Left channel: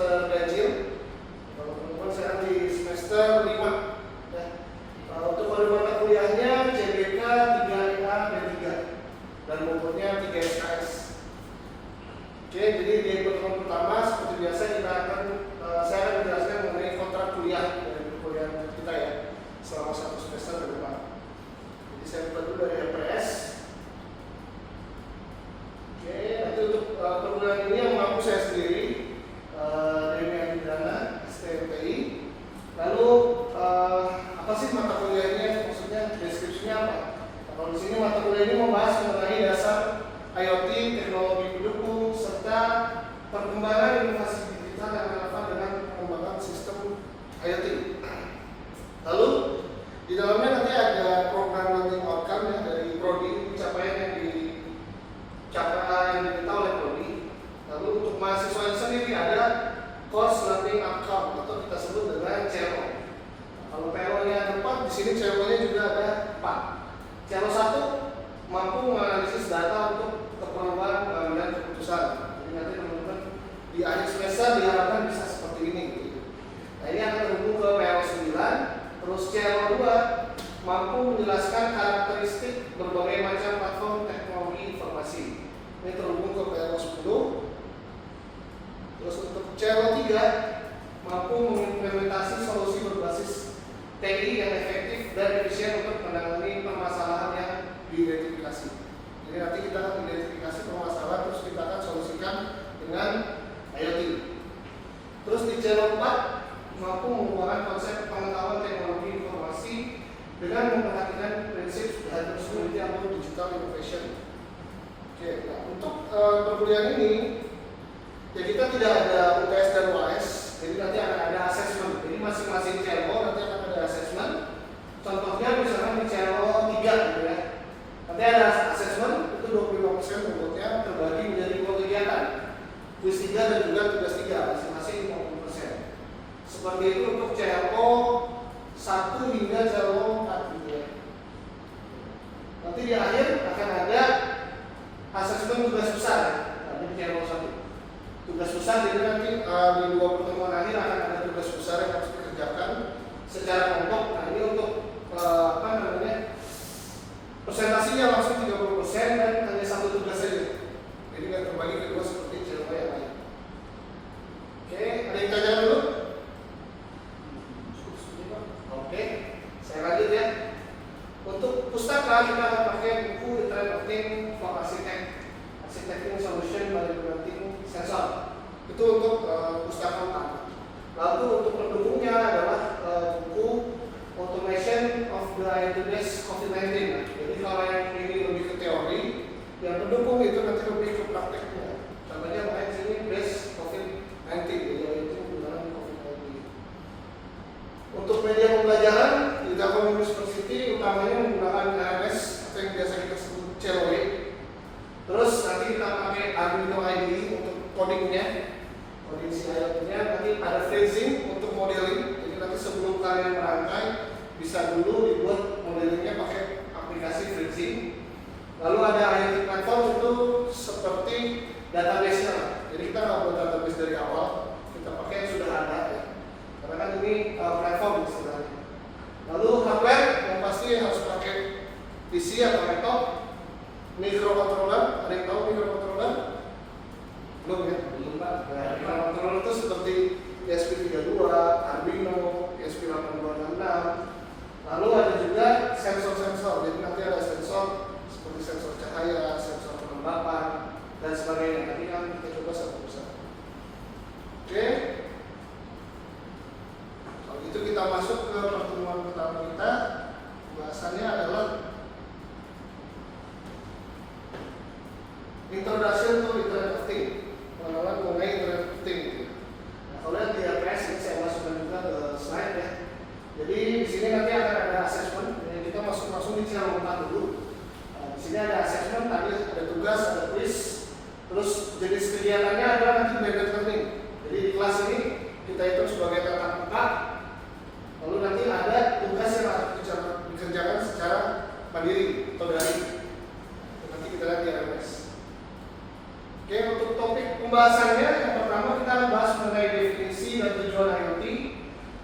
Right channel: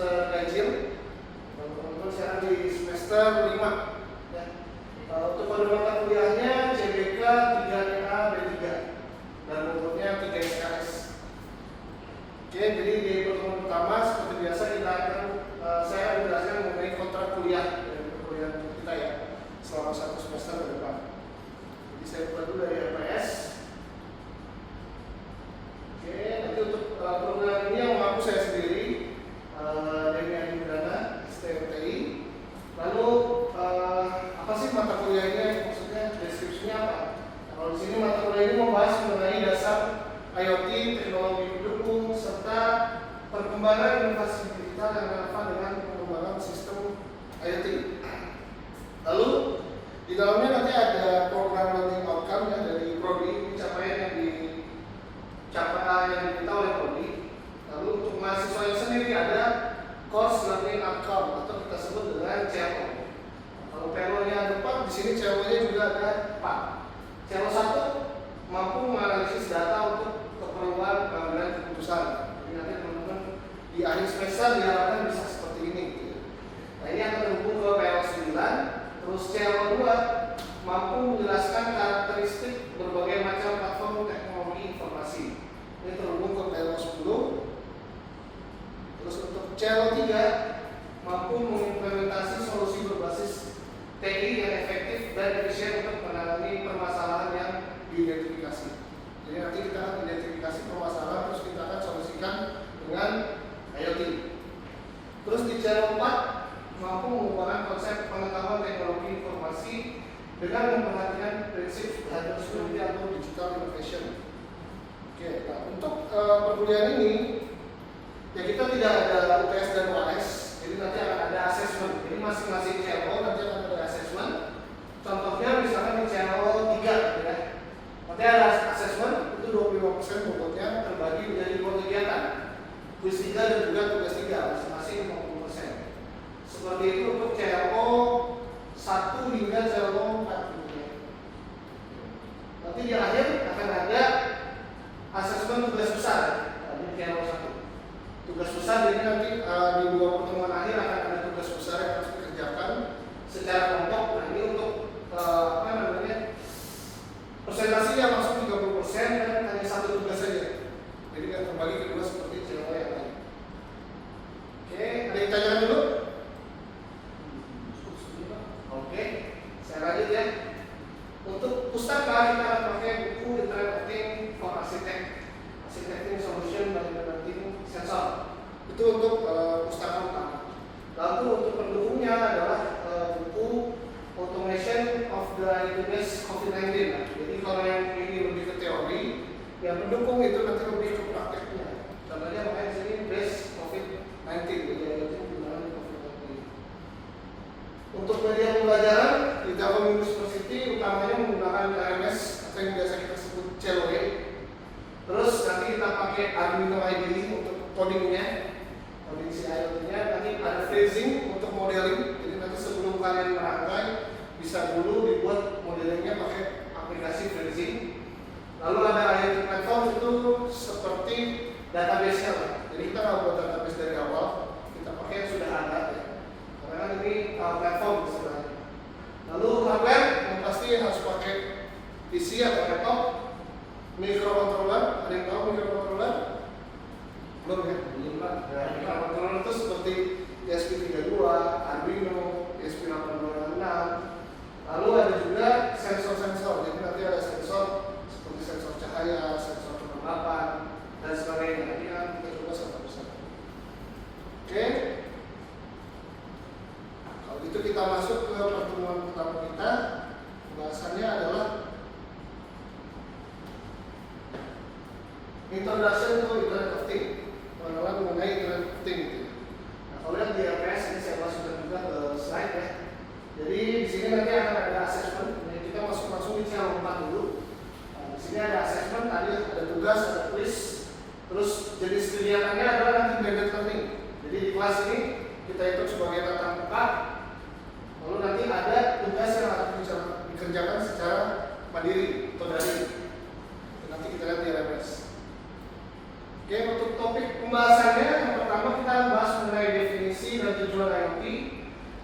semester ganjil. Kalau teman-teman saya di semester 5 ya. Untuk kode mata kuliahnya CBK 3A D3 dan modulnya 3 SKS. Oke, jadi di pertemuan pertama seperti biasa kita akan saya akan menjelaskan mengenai kontrak kuliah dari perkuliahan kita ya selama 1 semester ke depan. Jadi saya buka dulu dari RPS. Oke, nanti untuk perkuliahan ini yang mengaku saya sendiri, Deni Andrana, STMTI. Lalu apa sih mata kuliah ini? Maksudnya deskripsinya apa? Nah, kalau di sini mata kuliah ini membahas mengenai dasar IoT, teknologi pendukung, serta perkembangan inovasi digital yang relevan dengan pengembangan sistem IoT. Lalu di dalamnya nanti ada program learning outcome ya dari Prodi, pencapaian yang diminta oleh Prodi. Lalu untuk mahasiswa yang sendiri ada course learning outcome atau kita sebut dengan CLO. Kalau PLO-nya ada 4, di sini CLO-nya juga ada 4. CLO 1 mampu menganalisis data untuk keperluan pengambilan keputusan. Jadi nanti teman-teman di akhir semester diharapkan bisa seperti ini. Nah ini akan terhubung ke PLO 9. Terus CLO 2 mampu menjelaskan karakteristik berbagai macam platform teknologi informasi. Ini terhubung ke PLO 10. Terus untuk CLO 3 mampu mengimplementasi solusi berbasis TI yang efektif dan efisien untuk menangani permasalahan yang diidentifikasi. Jadi nanti kita akan identifikasi permasalahan terus kita akan solusikan dengan IoT. Terus di CLO 4 mampu menggunakan konsep pengetahuan teknologi informasi dengan memperhatikan prinsip cybersecurity atau digital innovation. Oke, nah untuk perkuliahan ini ya kita tidak ada UTS dan UAS, jadi nanti akan ada assessment. Jadi masing-masing CLO nanti akan ada assessment. Contohnya misalnya di CLO 3 gitu ya. Nanti ada assessment itu 25% bobotnya terbagi menjadi 5 kegiatan. Kuis 3 dan juga tugas 3 masing-masing 50%. Seperti itu untuk CLO 1 hingga CLO 4 gitu ya. Nanti di akhir akan ada assessment tugas besar ya, di CLO 1. Tugas besar jadi nanti di 2 pertemuan akhir akan ada tugas besar yang harus dikerjakan secara kelompok. Nah ini untuk presentasinya langsung 30% dan hanya 1 tugas saja. Jadi nggak terbagi kedua seperti CLO yang lain. Oke, ada yang tanya dulu? Oke, saya lanjut ya. Untuk pustaka kita akan pakai buku Internet of Things for Architecting Solution by Implementing Sensor. Itu untuk pustaka utama. Lalu untuk pendukungnya adalah buku Automation of the Today's COVID-19. Jadi kalau yang ini lebih ke teori, yang pendukung itu nanti lebih ke prakteknya. Contohnya makanya sini base COVID-19, jadi itu penggunaan COVID-19. Untuk media pembelajaran di Telkom University utamanya menggunakan LMS atau yang biasa kita sebut CLOE. Terus nanti kita pakai Arduino IDE untuk codingnya, coding si IoT-nya. Nanti ada freezing untuk modeling. Jadi nanti sebelum kalian merangkai bisa dulu dibuat modelingnya pakai aplikasi freezing. Lalu ada IoT platform itu seperti database-nya. Jadi kita nggak buat database dari awal, kita pakai yang sudah ada ya. Karena kan ini platform istilahnya. Lalu hardware yang pasti harus pakai PC atau laptop. Microcontroller, ada yang tahu microcontroller? Belum ya? Belum lah. Microcontroller itu seperti ESP32, Arduino, ESP8266. Lalu ada juga sensor-sensor. Jadi nanti ada sensor seperti sensor cahaya, sensor kelembapan dan sebagainya. Nanti kan kita coba satu-satu. Oke. Kalau gitu kita masuk ke pertemuan pertama kita. Bahasannya adalah Introduction to Internet of Things, pengenalan mengenai Internet of Things. Nah, kalau yang di RPS ini saya masukkan juga ke slide ya. Jadi di sini nanti akan ada assessment. Jadi kita masuk di channel 4 dulu. Di sini ada assessment, tadi ada tugas, ada quiz. Terus jenis kegiatannya adalah nanti blended learning. Jadi di kelas ini kita hitung sebagai tatap muka. Lalu nanti ada tugas yang harus dikerjakan secara mandiri atau daring. Nanti kita lihat di RPS. Oke, untuk topik pembahasannya yang pertama kita bahas mengenai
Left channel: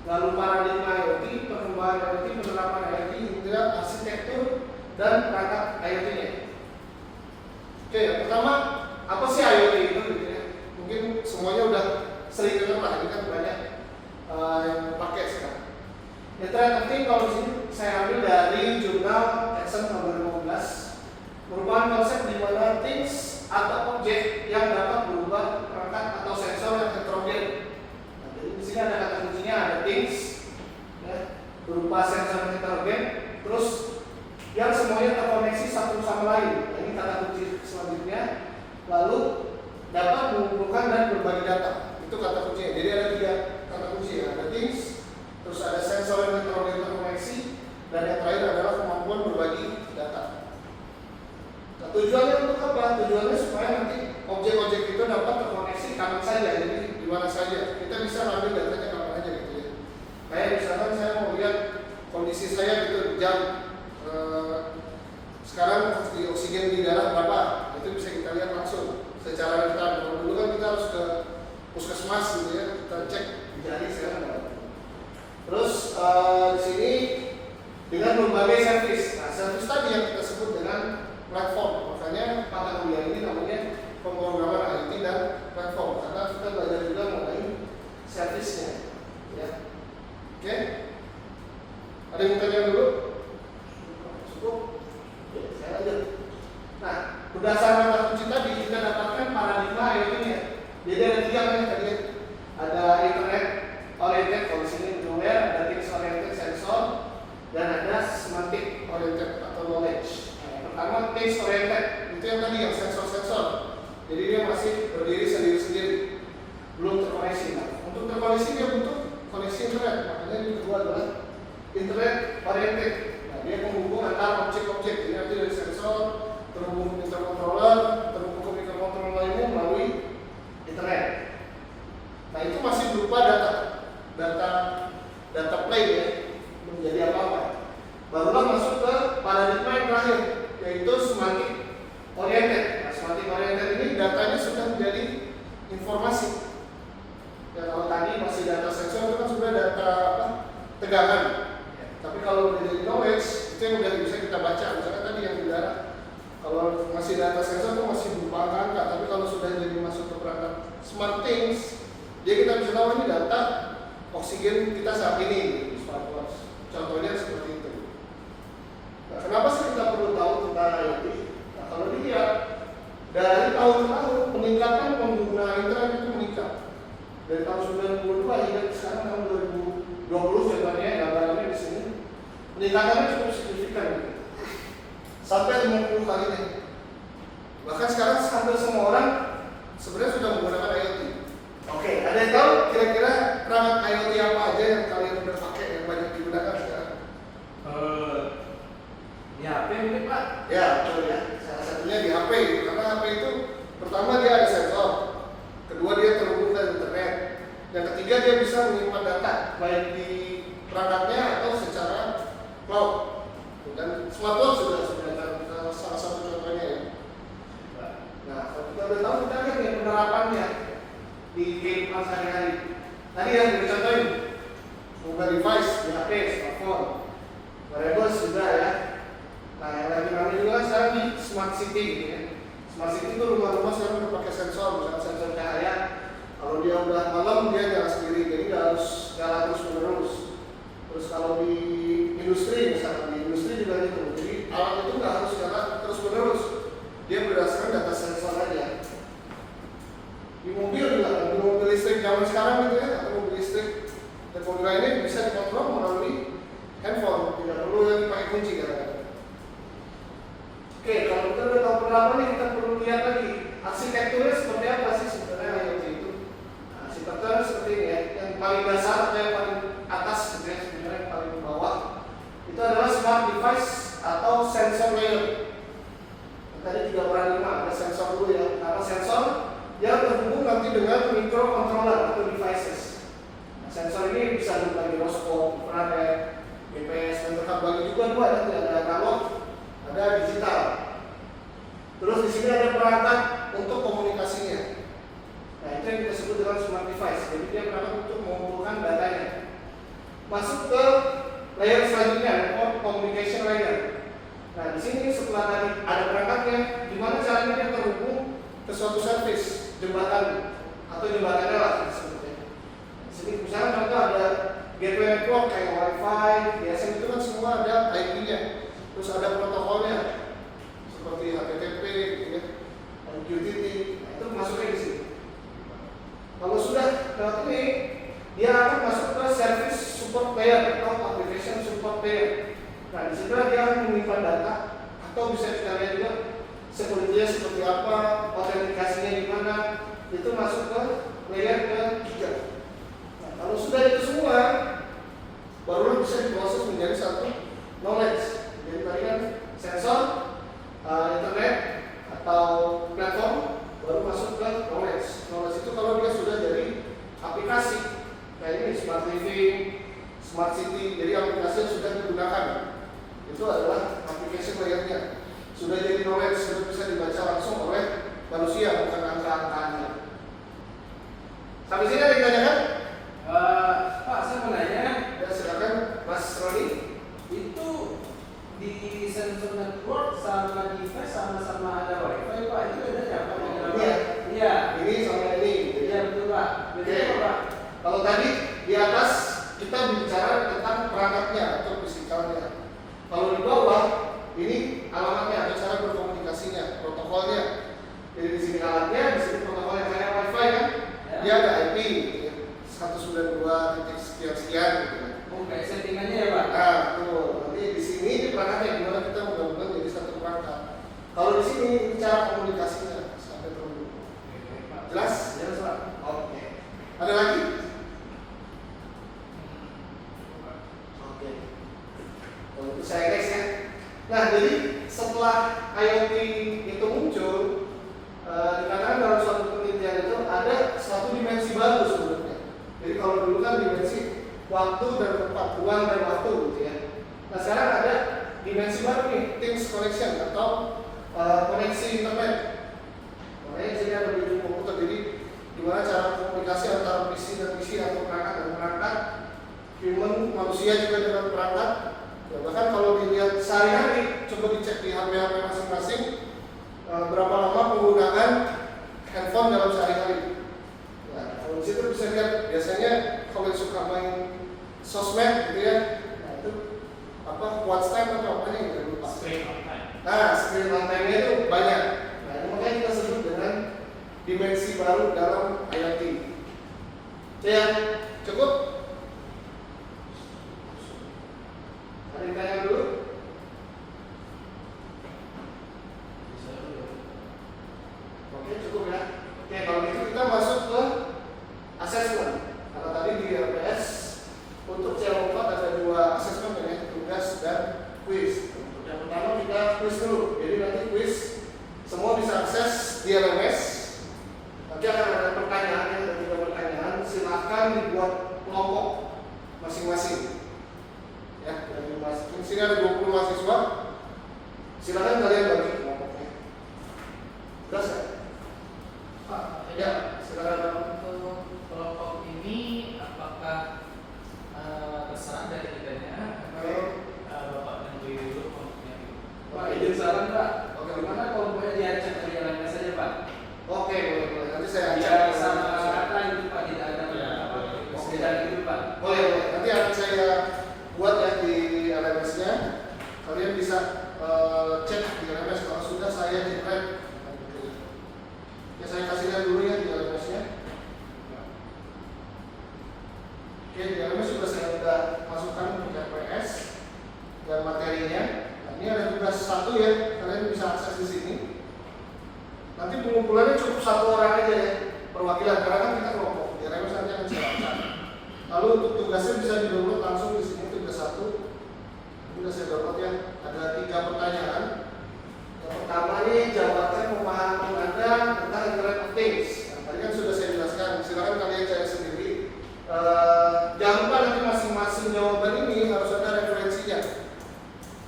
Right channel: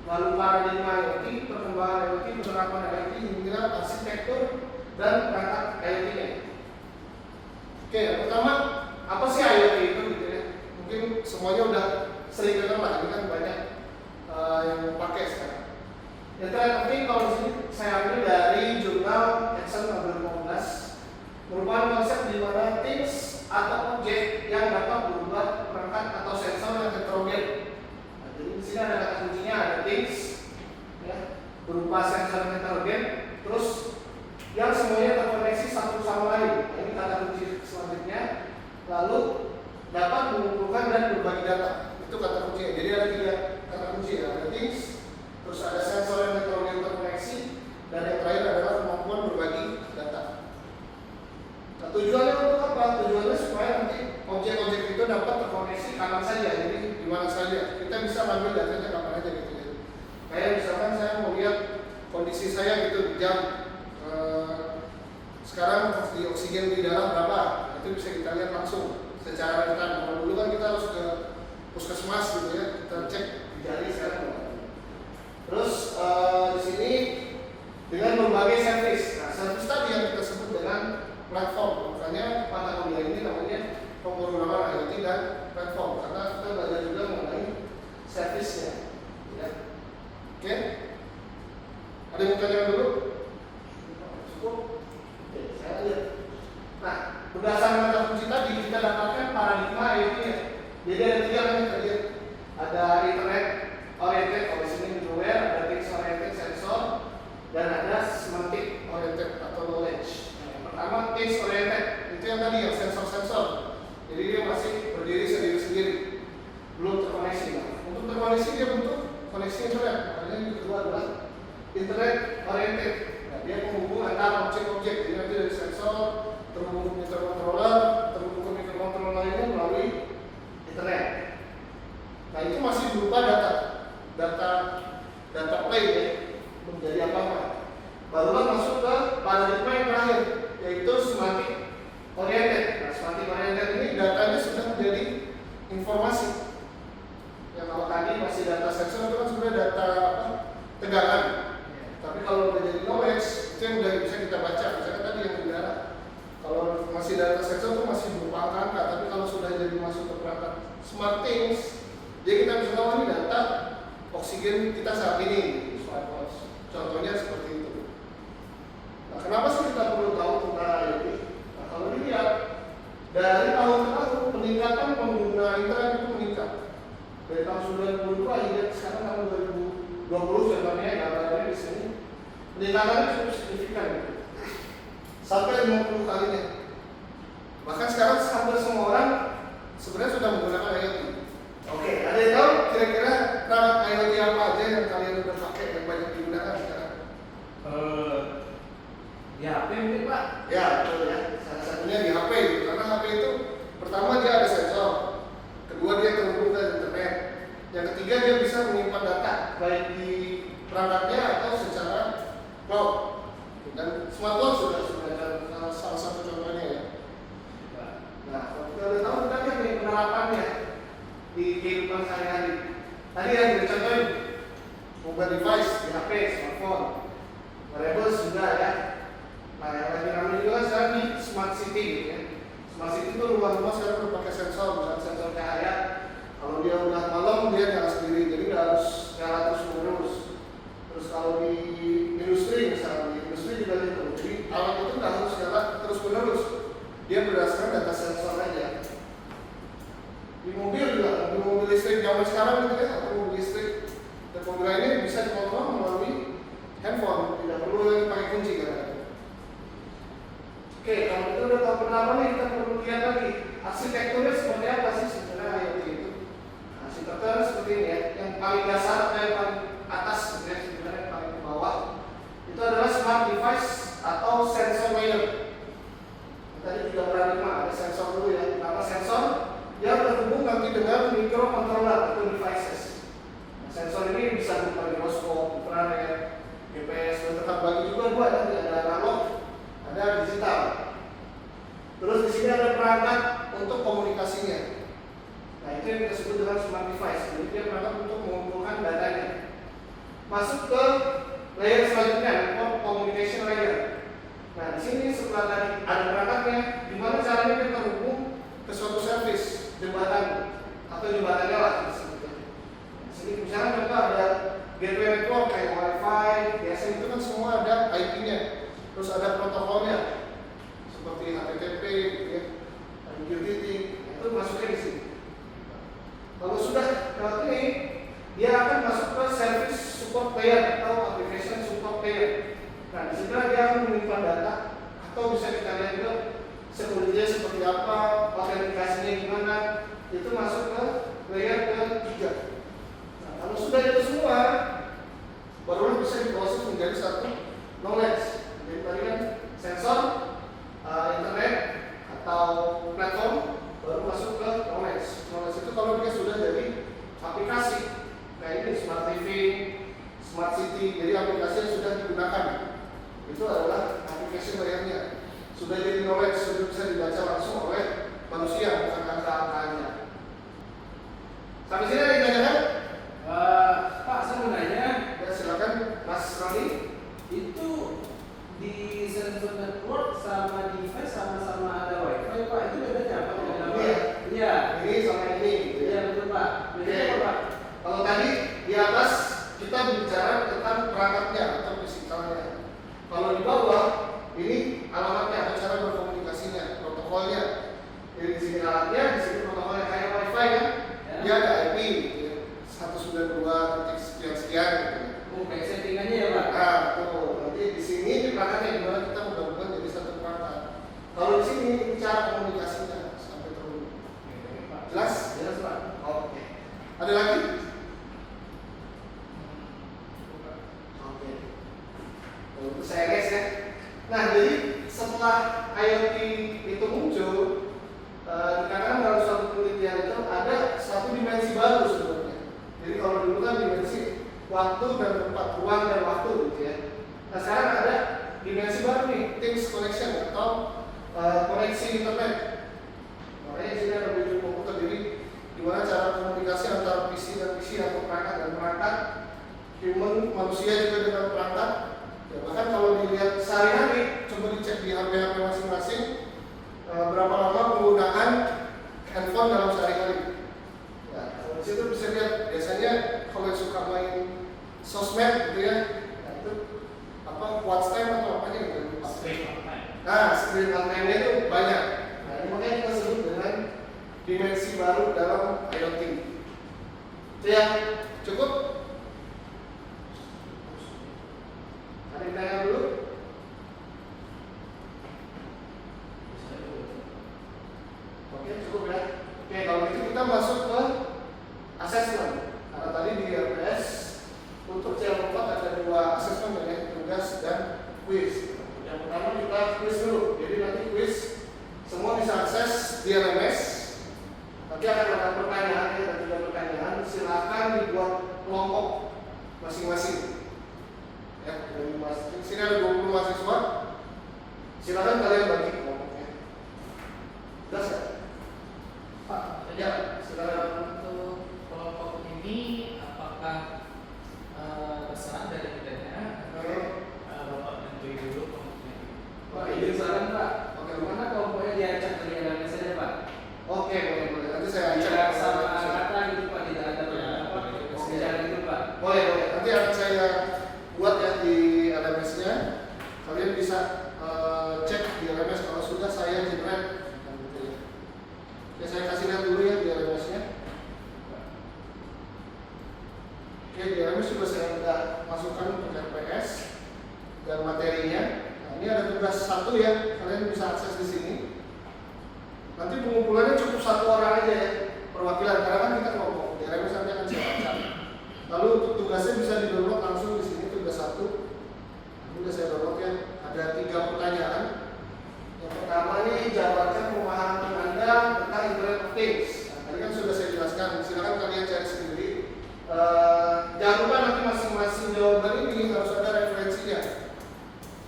lalu paradigma IoT, perkembangan IoT, penerapan IoT, hingga arsitektur dan perangkat IoT-nya. Oke, yang pertama, apa sih IoT itu? Gitu ya. Mungkin semuanya udah sering dengar lah, ini kan banyak yang pakai sekarang. Internet of Things kalau di sini saya ambil dari jurnal Exxon tahun 2015, merupakan konsep di mana things atau objek yang dapat berubah perangkat atau sensor yang heterogen. Nah, jadi di sini ada kata kuncinya, ada things, ya, berupa sensor yang heterogen, terus yang semuanya terkoneksi satu sama lain. Nah, ini kata kunci selanjutnya. Lalu dapat mengumpulkan dan berbagi data. Itu kata kuncinya. Jadi ada 3 kata kunci, ada things, terus ada sensor yang heterogen terkoneksi, dan yang terakhir adalah kemampuan berbagi data. Nah, tujuannya untuk apa? Tujuannya supaya nanti objek-objek itu dapat terkoneksi kapan saja, jadi di mana saja. Kita bisa ambil datanya kapan aja gitu ya. Kayak misalkan saya mau lihat kondisi saya gitu, jam sekarang di oksigen di darah berapa, itu bisa kita lihat langsung secara real-time. Kalau dulu kan kita harus ke puskesmas gitu ya, kita cek di jari sekarang berapa. Terus di sini dengan berbagai servis. Nah, servis tadi yang kita sebut dengan platform. Makanya mata kuliah ini namanya pemrograman IoT dan platform, karena kita belajar juga mengenai servisnya. Ya. Oke? Ada yang mau tanya dulu? Cukup? Oke, saya lanjut. Nah, berdasarkan kata kunci tadi kita dapatkan paradigma IoT-nya. Jadi ada 3 kan tadi. Ada internet oriented, kalau di sini middleware, ada things oriented sensor, dan ada semantic oriented atau knowledge. Nah, yang pertama things oriented, itu yang tadi yang sensor-sensor. Jadi dia masih berdiri sendiri-sendiri, belum terkoneksi. Nah, untuk terkoneksi dia butuh koneksi internet, makanya yang kedua adalah internet oriented. Nah, dia penghubung antara objek-objek, jadi nanti dari sensor terhubung ke microcontroller, terhubung ke microcontroller lainnya melalui internet. Nah, itu masih berupa data plane ya, menjadi apa-apa. Barulah masuk ke paradigma yang terakhir, yaitu semantic oriented. Nah, semantic oriented ini datanya sudah menjadi informasi. Ya, kalau tadi masih data sensor itu kan sudah data tegangan. Tapi kalau udah jadi knowledge, itu yang udah bisa kita baca. Misalkan tadi yang udara, kalau masih data sensor itu masih berupa angka-angka. Tapi kalau sudah jadi masuk ke perangkat smart things, jadi kita bisa tahu ini data oksigen kita saat ini. Contohnya seperti itu. Nah, kenapa sih kita perlu tahu tentang IoT? Nah, kalau dilihat dari tahun ke tahun peningkatan pengguna internet itu meningkat. Dari tahun 92 hingga sekarang tahun 2020 contohnya gambarnya di sini peningkatannya cukup signifikan, sampai 50 kalinya. Bahkan sekarang hampir semua orang sebenarnya sudah menggunakan IoT. Oke, ada yang tahu kira-kira perangkat IoT apa aja yang kalian udah pakai yang banyak digunakan sekarang? Di HP mungkin Pak? Ya, betul ya. Salah satunya di HP, karena HP itu pertama dia ada sensor, kedua dia terhubung ke internet, yang ketiga dia bisa menyimpan data baik di perangkatnya atau secara cloud. Dan smartwatch juga salah satu contohnya ya. Nah, kalau kita udah tahu kita lihat nih penerapannya di kehidupan sehari-hari. Tadi yang dicontohin mobile device, di HP, smartphone, wearables juga ya. Nah, yang lagi ramai juga sekarang di smart city gitu ya. Smart city itu rumah-rumah sekarang udah pakai sensor, misalnya sensor cahaya. Kalau dia udah malam dia nyala sendiri, jadi nggak harus nyala terus-menerus. Terus kalau di industri misalnya, di industri juga gitu. Jadi alat itu nggak harus nyala terus-menerus. Dia berdasarkan data sensor aja. Di mobil juga, mobil listrik zaman sekarang gitu ya, atau mobil listrik dan mobil ini bisa dikontrol melalui handphone, tidak perlu lagi pakai kunci kadang-kadang. Oke, kalau kita udah tahu penerapannya, kita perlu lihat lagi arsitekturnya seperti apa sih sebenarnya IoT itu. Nah, arsitekturnya seperti ini ya, yang paling dasar atau yang paling atas gitu ya, sebenarnya yang paling bawah itu adalah smart device atau sensor layer. Tadi 3 paradigma, ada sensor dulu ya. Pertama sensor yang terhubung nanti dengan microcontroller atau devices. Nah, sensor ini bisa berupa giroskop, infrared, GPS, dan terbagi juga dua, ada analog, ada digital. Terus di sini ada perangkat untuk komunikasinya. Nah, itu yang kita sebut dengan smart device. Jadi dia perangkat untuk mengumpulkan datanya. masuk ke layer selanjutnya, network communication layer. Nah, di sini setelah tadi ada perangkatnya, gimana caranya dia terhubung ke suatu service, jembatan atau jembatannya lah sebetulnya. Di sini misalnya contoh ada gateway network kayak WiFi, DSL itu kan semua ada IP-nya, terus ada protokolnya seperti HTTP, gitu ya, MQTT, itu masuknya di sini. Kalau sudah lewat ini, dia akan masuk ke service support layer atau application support layer. Nah, di situ dia akan menyimpan data atau bisa kita lihat juga security-nya seperti apa, autentikasinya gimana, itu masuk ke layer ketiga. Nah, kalau sudah itu semua, barulah bisa diproses menjadi satu knowledge. Jadi tadi kan sensor, internet atau platform, baru masuk ke knowledge. Knowledge itu kalau dia sudah jadi aplikasi, kayak ini smart living, smart city, jadi aplikasi yang sudah digunakan. Itu adalah aplikasi variannya. Sudah jadi knowledge, sudah bisa dibaca langsung oleh manusia, bukan angka-angkanya. Sampai sini ada yang ditanyakan? Pak, saya mau nanya. Ya, silakan, Mas Roni. Itu di sensor network sama device sama-sama ada WiFi, Pak. Itu bedanya apa? Iya. Iya. Ini sama ini. Iya, betul, Pak. Bedanya apa, Pak? Kalau tadi di atas kita bicara tentang perangkatnya atau fisikalnya. Kalau di bawah ini alamatnya atau cara berkomunikasinya, protokolnya. Jadi di sini alatnya, di sini protokolnya kayak WiFi kan? Ya. Dia ada IP 192 sekian gitu. Oh, kayak settingannya ya, Pak? Nah, tuh. Nanti di sini di perangkatnya gimana kita menggabungkan jadi satu perangkat. Kalau di sini ini cara komunikasinya sampai terhubung. Jelas? Jelas, Pak. Oke. Ada lagi? Oke. Kalau itu saya guys ya. Nah, jadi setelah IoT itu muncul, dikarenakan dalam suatu penelitian itu ada satu dimensi baru sebenarnya. Jadi kalau dulu kan dimensi waktu dan tempat, ruang dan waktu gitu ya. Nah, sekarang ada dimensi baru nih, Teams Connection atau koneksi internet. Makanya di sini ada video komputer, jadi gimana cara komunikasi antara PC dan PC atau perangkat dan perangkat, human manusia juga dengan perangkat. Ya, bahkan kalau dilihat sehari-hari, coba dicek di HP-HP masing-masing berapa lama penggunaan handphone dalam sehari-hari. Nah, kalau di situ bisa lihat biasanya kalau yang suka main sosmed gitu ya, nah itu apa watch time atau apanya gitu lupa. Nah, screen time-nya itu banyak. Nah, ini makanya kita sebut dengan dimensi baru dalam IoT. Itu yang cukup. Ada yang tanya dulu? Oke, cukup ya. Oke, kalau gitu kita masuk ke assessment. Karena tadi di RPS untuk CL4 ada dua assessment ya, tugas dan quiz. Yang pertama kita quiz dulu. Jadi nanti quiz semua bisa akses di LMS. Nanti akan ada pertanyaan, ada 3 pertanyaan. Silakan dibuat kelompok masing-masing. Ya, dari di sini ada 20 mahasiswa. Silakan kalian bagi kelompoknya. Jelas ya? Pak, Ya, silakan. untuk kelompok ini apakah terserah dari kitanya atau Bapak nentuin dulu kelompoknya? Pak, izin saran, Pak. Oke, Bagaimana kelompoknya diacak dari LMS saja, Pak? Oke, boleh. Nanti saya Biar acak. sama kata itu, Pak, tidak ada apa. Oke. Tidak gitu, Pak. Boleh. Nanti akan saya buat ya di LMS-nya. Kalian bisa cek di LMS kalau sudah saya generate. Ya, saya kasih lihat dulu ya di LMS-nya. Oke, di LMS sudah saya udah masukkan ke RPS dan materinya. Nah, ini ada tugas 1 ya, kalian bisa akses di sini. Nanti pengumpulannya cukup 1 orang aja ya, perwakilan karena kan kita kelompok. Di LMS nanti akan saya acak. Lalu untuk tugasnya bisa di-download langsung di sini tugas 1. Ini udah saya download ya. Ada 3 pertanyaan. Yang pertama ini jabarkan pemahaman Anda tentang Internet of Things. Nah, tadi kan sudah saya jelaskan. Silakan kalian cari sendiri. Jangan lupa nanti masing-masing jawaban ini harus ada referensinya.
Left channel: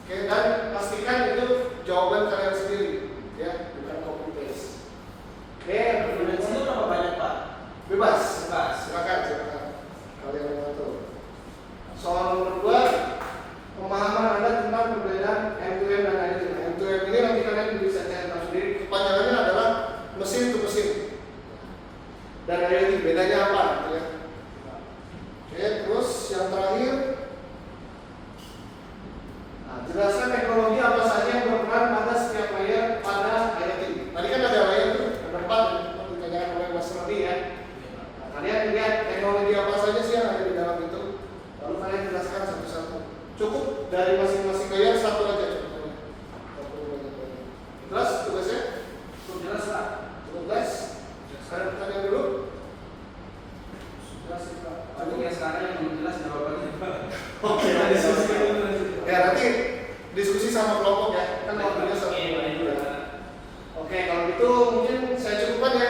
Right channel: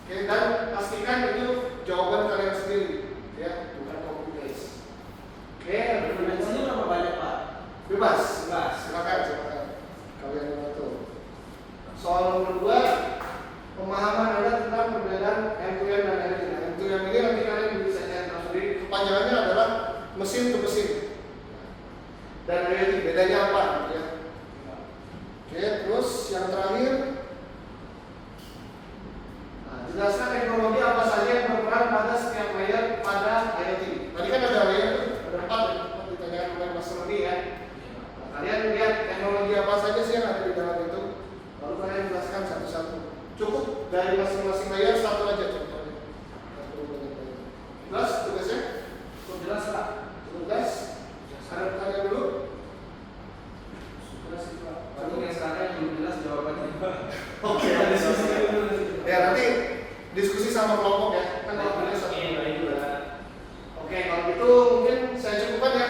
Oke, dan pastikan itu jawaban kalian sendiri, ya, bukan copy paste. Oke, Referensinya berapa banyak, Pak? bebas. Bebas. Silakan kalian mengatur. Soal nomor 2, pemahaman Anda tentang perbedaan M2M dan IoT. Nah, M2M ini nanti kalian bisa cari tahu sendiri. Kepanjangannya adalah mesin to mesin. Dan IoT bedanya apa? Gitu ya. Oke, terus yang terakhir, nah, jelaskan teknologi apa saja yang berperan pada setiap layer pada IoT. Tadi kan ada layer tuh, ada 4 ditanyakan oleh Mas Rodi ya. Nah, kalian lihat teknologi apa saja sih yang ada di dalam itu, lalu kalian jelaskan satu-satu. Cukup dari masing-masing layer satu aja contohnya. Jelas tugasnya? Cukup jelas Pak. Cukup jelas? Ada pertanyaan dulu? Jelas sih Pak. Paling yang sekarang yang belum jelas jawabannya Pak. Oke. Kita diskusi dulu nanti. Ya nanti diskusi sama kelompok ya. Kan waktunya satu. Oke, baik. Oke, kalau gitu mungkin saya cukupkan ya.